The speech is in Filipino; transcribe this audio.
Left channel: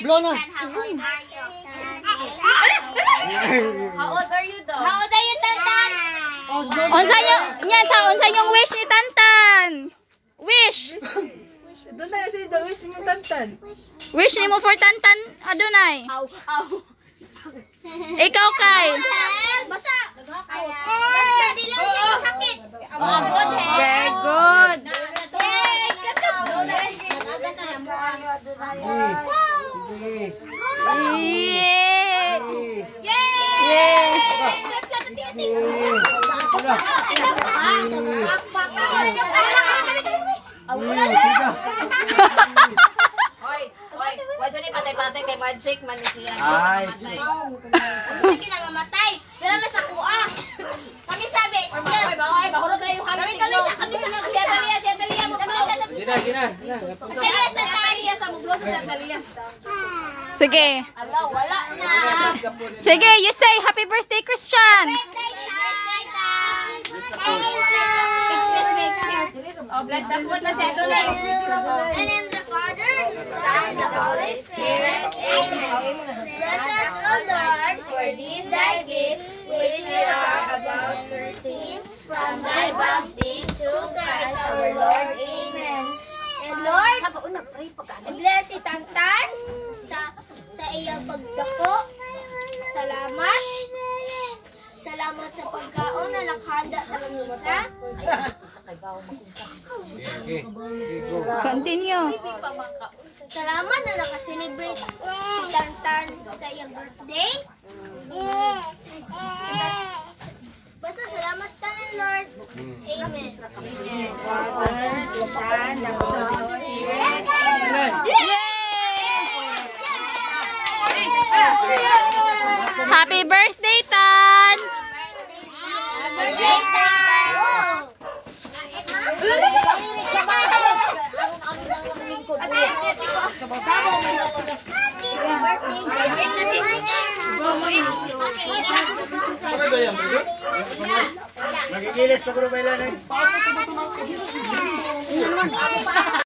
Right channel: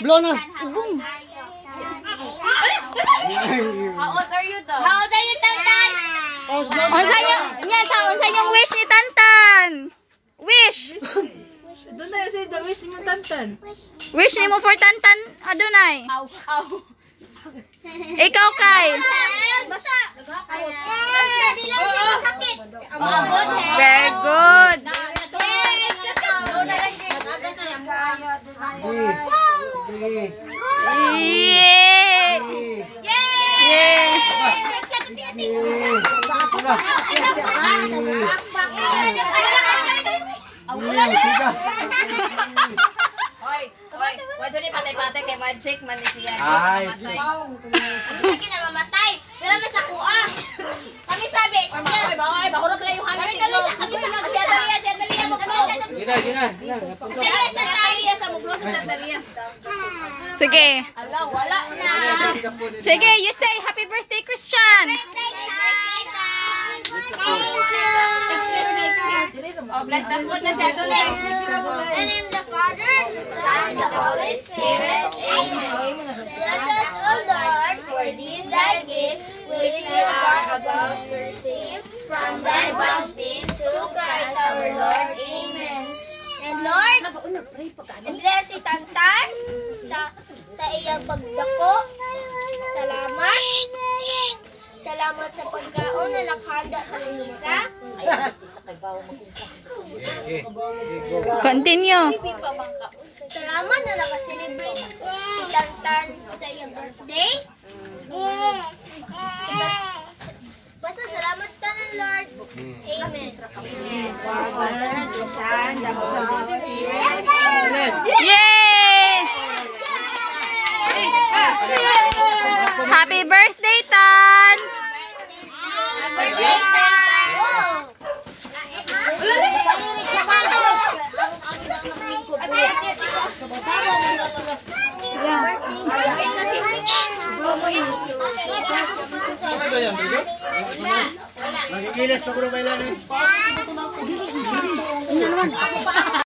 Blow na. How old are you though? How old are you, Tantan? Unsa yung wish ni Tantan? Wish. Doon na yung say the wish ni Tantan. Wish ni mo for Tantan, adunay. Aw, aw. Ikaw kay. Basta. Basta di lang siya sakit. Good health. Very good. Yeah. Yeah. Why don't you patay-patay kay Magic man siya? Ay, Hindi na mamatay. Pero nasa kuha. Kami sabi, bahurot na yung hangin. Kami sa Dalia mo. Gina. Sa Dalia sa mublo sa Dalia. Sige. Allah, wala na. Sige, you say happy birthday, Christian. Oh, bless the food na siya doon. And in the Father, the Son, the Holy Spirit. Amen. Bless us, O Lord, for this thy gift, which we are about to receive from thy bounty to Christ our Lord. Amen. And Lord, bless si Tantan sa iyang pagdako. Salamat. Salamat sa pagkaon na nakahanda sa lamisa. Continue. Salamat na nakaselebrate si Tantan sa iyong birthday. Basta salamat ka ng Lord. Amen. Yay! Happy birthday, Tan! Happy birthday! Magigilis pa ko rin kailan eh.